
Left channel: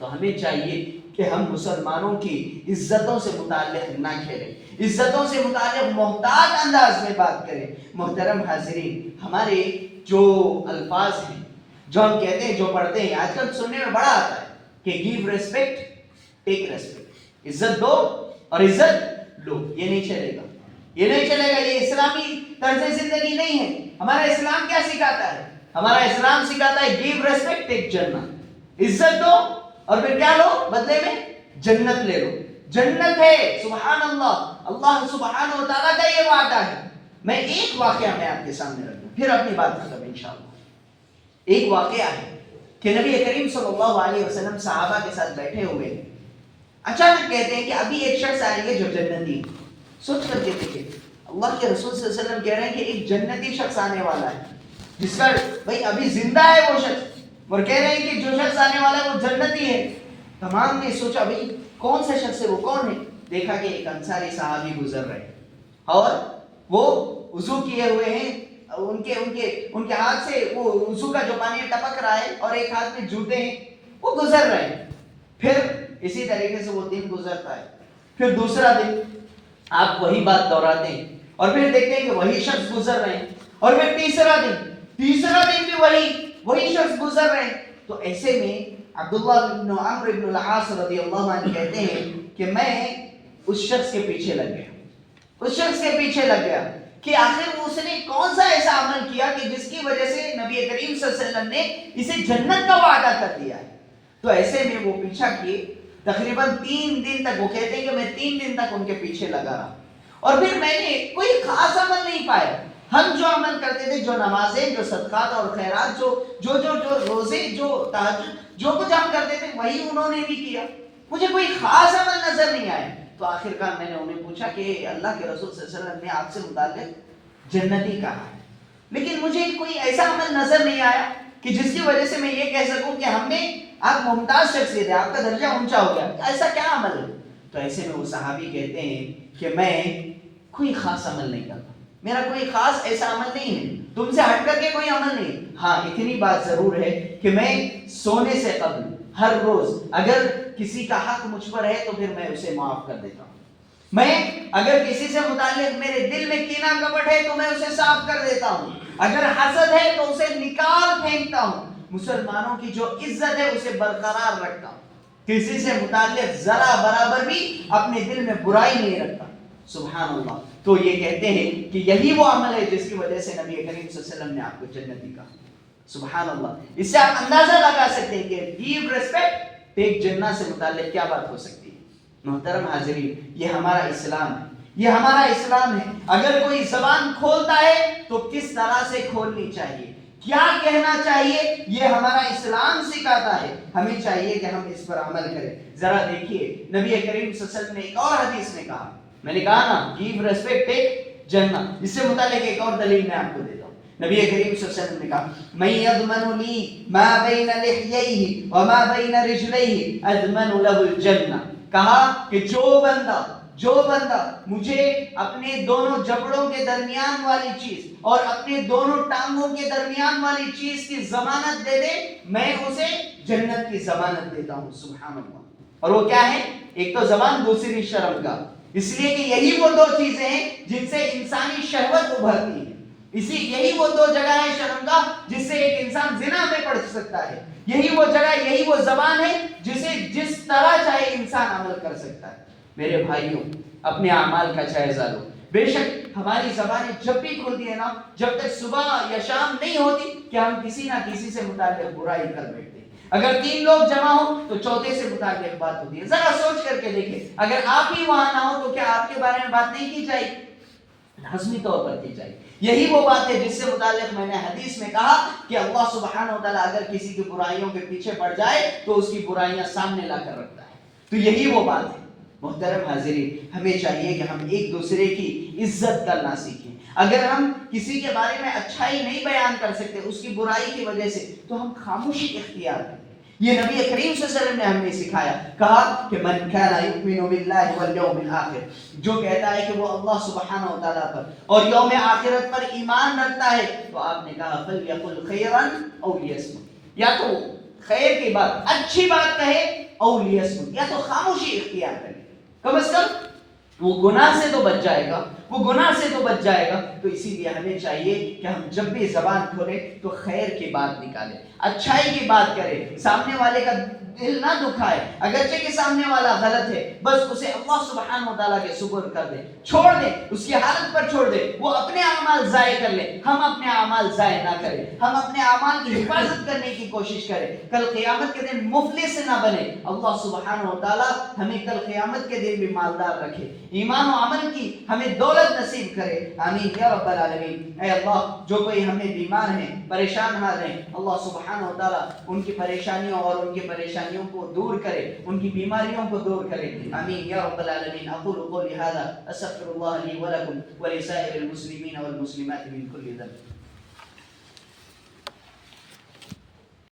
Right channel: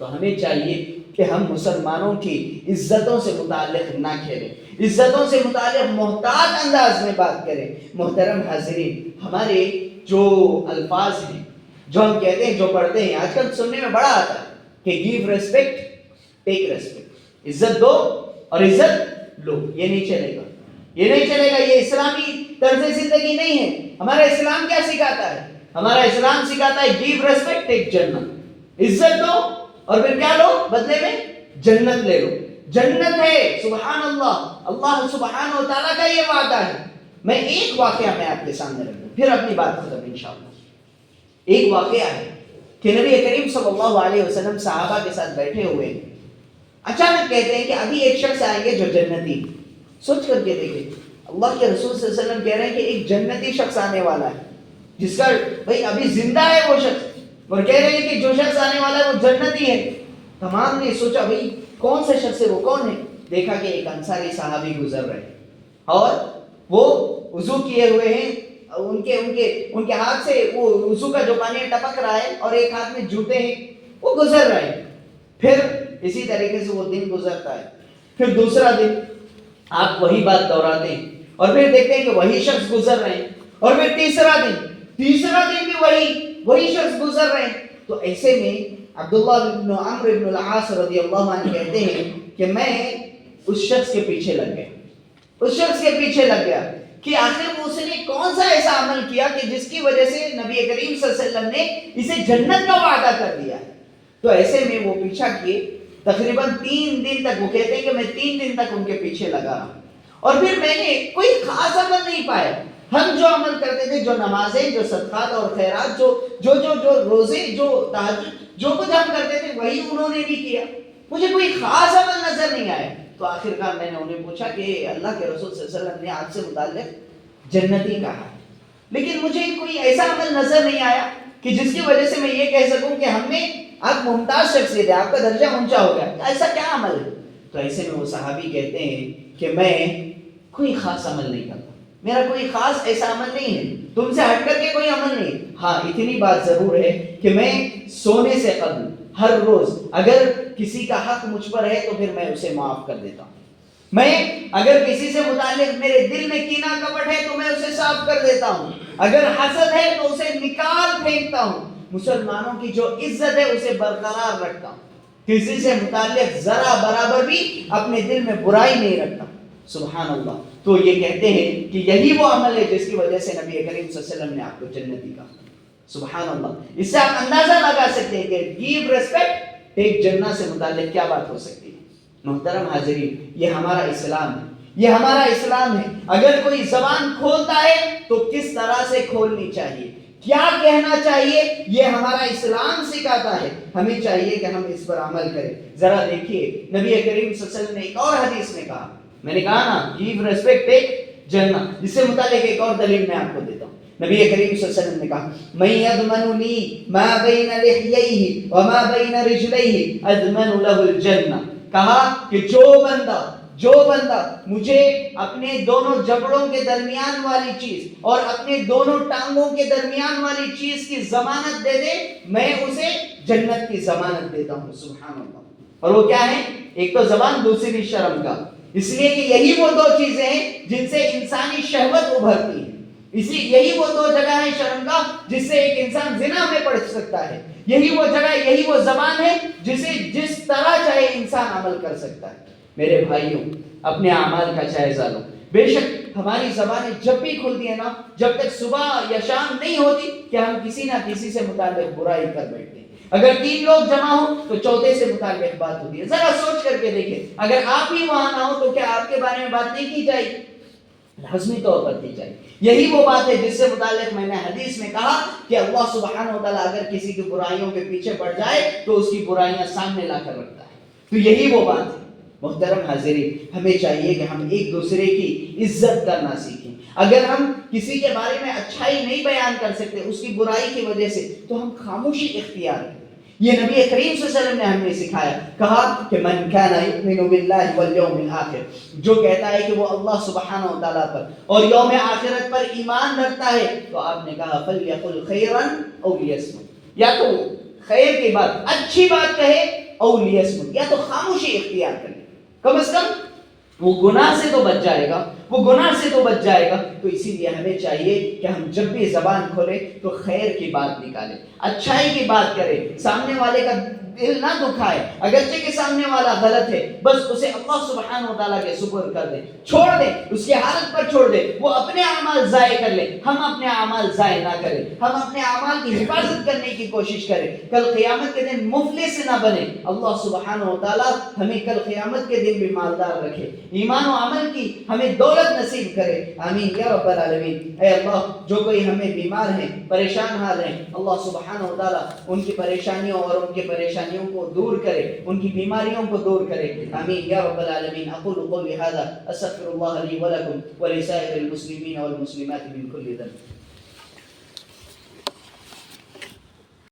تو ہمیں چاہیے کہ ہم مسلمانوں کی عزتوں سے متعلق نہ کھیلیں، عزتوں سے متعلق محتاط انداز میں بات کریں۔ محترم حاضرین، ہمارے جو الفاظ ہیں، جو ہم کہتے ہیں، جو پڑھتے ہیں، آج کل سننے میں بڑا آتا ہے کہ گیو ریسپیکٹ ٹیک ریسپیکٹ، عزت دو اور عزت لو۔ یہ نہیں چلے گا، یہ اسلامی طرز زندگی نہیں ہے۔ ہمارا اسلام کیا سکھاتا ہے؟ ہمارا اسلام سکھاتا ہے گیو ریسپیکٹ ٹیک جنت، عزت دو اور پھر کیا لو؟ بدلے میں جنت لے لو۔ جنت ہے، سبحان اللہ، اللہ سبحانہ و تعالیٰ کا یہ وعدہ ہے۔ میں ایک واقعہ میں آپ کے سامنے رکھ دوں، پھر اپنی بات ختم انشاءاللہ۔ ایک واقعہ ہے کہ نبی کریم صلی اللہ علیہ وسلم صحابہ کے ساتھ بیٹھے ہوئے ہیں، اچانک کہتے ہیں کہ ابھی ایک شخص آئیں گے جو جنتی۔ سوچ کر کے دیکھیں، اللہ کے رسول صلی اللہ علیہ وسلم کہہ رہے ہیں کہ ایک جنتی شخص آنے والا ہے، جس کا بھائی ابھی زندہ ہے وہ شخص، اور کہہ رہے ہیں کہ جو شخص آنے والا ہے وہ جنتی ہے۔ تمام نے سوچا بھائی کون سے شخص ہے، وہ کون ہے؟ دیکھا کہ ایک انصاری صحابی گزر رہے ہیں اور وہ وضو کیے ہوئے ہیں، ان کے ہاتھ سے وہ وضو کا جو پانی ٹپک رہا ہے اور ایک ہاتھ میں جوتے ہیں، وہ گزر رہے ہیں۔ پھر اسی طریقے سے وہ دن گزرتا ہے، پھر دوسرا دن آپ وہی بات دہراتے ہیں اور پھر دیکھتے ہیں کہ وہی شخص گزر رہے ہیں، اور پھر تیسرا دن بھی وہی شخص گزر رہے ہیں۔ تو ایسے میں عبداللہ بن عمرو بن العاص رضی اللہ عنہ کہتے ہیں کہ میں اس شخص کے پیچھے لگ گیا کہ آخر اس نے کون سا ایسا عمل کیا کہ جس کی وجہ سے نبی کریم صلی اللہ علیہ وسلم نے اسے جنت کا وعدہ کر دیا۔ تو ایسے میں وہ پیچھا کیے تقریباً 3 دن تک، وہ کہتے ہیں کہ میں 3 دن تک ان کے پیچھے لگا رہا، اور پھر میں نے کوئی خاص عمل نہیں پایا۔ ہم جو عمل کرتے تھے، جو نمازیں، جو صدقات اور خیرات، جو روزے، جو تہجد، جو کچھ ہم کرتے تھے وہی انہوں نے بھی کیا، مجھے کوئی خاص عمل نظر نہیں آیا۔ تو آخر کار میں نے انہیں پوچھا کہ اللہ کے رسول صلی اللہ علیہ وسلم نے آپ سے متعلق جنتی کہا ہے، لیکن مجھے کوئی ایسا عمل نظر نہیں آیا کہ جس کی وجہ سے میں یہ کہہ سکوں کہ ہم نے، آپ ممتاز شخصیت ہے، آپ کا درجہ اونچا ہو گیا، ایسا کیا عمل ہے؟ تو ایسے میں وہ صحابی کہتے ہیں کہ میں کوئی خاص عمل نہیں کرتا، میرا کوئی خاص ایسا عمل نہیں ہے، تم سے ہٹ کر کے کوئی عمل نہیں۔ ہاں اتنی بات ضرور ہے کہ میں سونے سے قبل ہر روز اگر کسی کا حق مجھ پر ہے تو پھر میں اسے معاف کر دیتا ہوں، میں اگر کسی سے متعلق میرے دل میں کینہ کپٹ ہے تو میں اسے صاف کر دیتا ہوں، اگر حسد ہے تو اسے نکال پھینکتا ہوں، مسلمانوں کی جو عزت ہے اسے برقرار رکھتا ہوں، کسی سے متعلق ذرا برابر بھی اپنے دل میں برائی نہیں رکھتا۔ سبحان اللہ۔ تو یہ کہتے ہیں کہ یہی وہ عمل ہے جس کی وجہ سے نبی کریم صلی اللہ علیہ وسلم نے آپ کو جنتی کہا۔ سبحان اللہ۔ اس سے آپ اندازہ لگا سکتے ہیں کہ گیو ریسپیکٹ ٹیک جنہ سے متعلق کیا بات ہو سکتی ہے۔ محترم حاضرین، یہ ہمارا اسلام ہے، یہ ہمارا اسلام ہے۔ اگر کوئی زبان کھولتا ہے تو کس طرح سے کھولنی چاہیے، کیا کہنا چاہیے، یہ ہمارا اسلام سکھاتا ہے، ہمیں چاہیے کہ ہم اس پر عمل کریں۔ ذرا دیکھیے نبی کریم صلی اللہ علیہ وسلم نے ایک اور حدیث میں کہا، میں نے کہا نا گیو ریسپیکٹ ٹیک جنہ، اس سے متعلق ایک اور دلیل میں آپ کو دیتا ہوں۔ نبی کریم صلی اللہ علیہ وسلم نے کہا من یضمن لی ما بین لحییہ وما بین رجلیہ اضمن لہ الجنہ، کہا کہ جو بندہ مجھے اپنے دونوں جبڑوں کے درمیان والی چیز اور اپنے دونوں ٹانگوں کے درمیان والی چیز کی ضمانت دے دے، میں اسے جنت کی ضمانت دیتا ہوں۔ سبحان اللہ۔ اور وہ کیا ہے؟ ایک تو زبان، دوسری شرم کا، اس لیے کہ یہی وہ 2 چیزیں ہیں جن سے انسانی شہوت ابھرتی ہے، یہی وہ 2 جگہ ہے شرم کا جس سے ایک انسان زنا میں پڑ سکتا ہے، یہی وہ جگہ، یہی وہ زبان ہے جسے جس طرح چاہے انسان عمل کر سکتا ہے۔ میرے بھائیوں، اپنے اعمال کا جائزہ لو۔ بے شک ہماری زبانیں جب بھی کھلتی ہے نا، جب تک صبح یا شام نہیں ہوتی کہ ہم کسی نہ کسی سے متعلق برائی کر بیٹھتے ہیں۔ اگر 3 لوگ جمع ہو تو چوتھے سے متعلق بات ہوتی ہے۔ ذرا سوچ کر کے دیکھیں، اگر آپ ہی وہاں نہ ہو تو کیا آپ کے بارے میں بات نہیں کی جائے گی؟ لازمی طور پر کی جائے۔ یہی وہ بات ہے جس سے متعلق میں نے حدیث میں کہا کہ اللہ سبحانہ و تعالیٰ اگر کسی کی برائیوں کے پیچھے پڑ جائے تو اس کی برائیاں سامنے لا کر رکھتا ہے۔ تو یہی وہ بات ہے۔ محترم حاضرین، ہمیں چاہیے کہ ہم ایک دوسرے کی عزت کرنا سیکھیں۔ اگر ہم کسی کے بارے میں اچھائی نہیں بیان کر سکتے اس کی برائی کی وجہ سے تو ہم خاموشی اختیار کریں۔ یہ نبی کریم صلی اللہ علیہ وسلم نے ہمیں سکھایا، کہا کہ من کان یؤمن باللہ والیوم الآخر، جو کہتا ہے کہ وہ اللہ سبحانہ و تعالیٰ پر اور یوم آخرت پر ایمان رکھتا ہے، تو آپ نے کہا فلیقل خیرا او لیصمت، یا تو خیر کی بات، اچھی بات کہے، او لیصمت، یا تو خاموشی اختیار کرے، کم از کم وہ گناہ سے تو بچ جائے گا، تو اسی لیے ہمیں چاہیے کہ ہم جب بھی زبان کھولیں تو خیر کی بات نکالیں، اچھائی کی بات کریں، سامنے والے کا دل نہ دکھائے، اگرچہ کہ سامنے والا غلط ہے، بس اسے اللہ سبحانہ و تعالیٰ کے سپرد کر دیں، چھوڑ دیں، اس کی حالت پر چھوڑ دیں، وہ اپنے اعمال ضائع کر لیں، ہم اپنے اعمال ضائع نہ کریں، ہم اپنے اعمال کی حفاظت کرنے کی کوشش کریں، کل قیامت کے دن مفلس نہ بنے۔ اللہ سبحانہ و تعالیٰ ہمیں کل قیامت کے دن بھی مالدار رکھے، ایمان و عمل کی ہمیں دولت نصیب کرے، آمین یا رب العالمین۔ اے اللہ، جو کوئی ہمیں بیمار ہیں، پریشان حال ہیں، اللہ سبحانہ و تعالیٰ ان کی پریشانیوں اور ان کی پریشانیوں کو دور کرے، ان کی بیماریوں کو دور کرے، آمین یا رب العالمین۔ اقول قولی ھذا استغفر اللہ لی ولکم ولسائر المسلمین والمسلمات من کل ذنب۔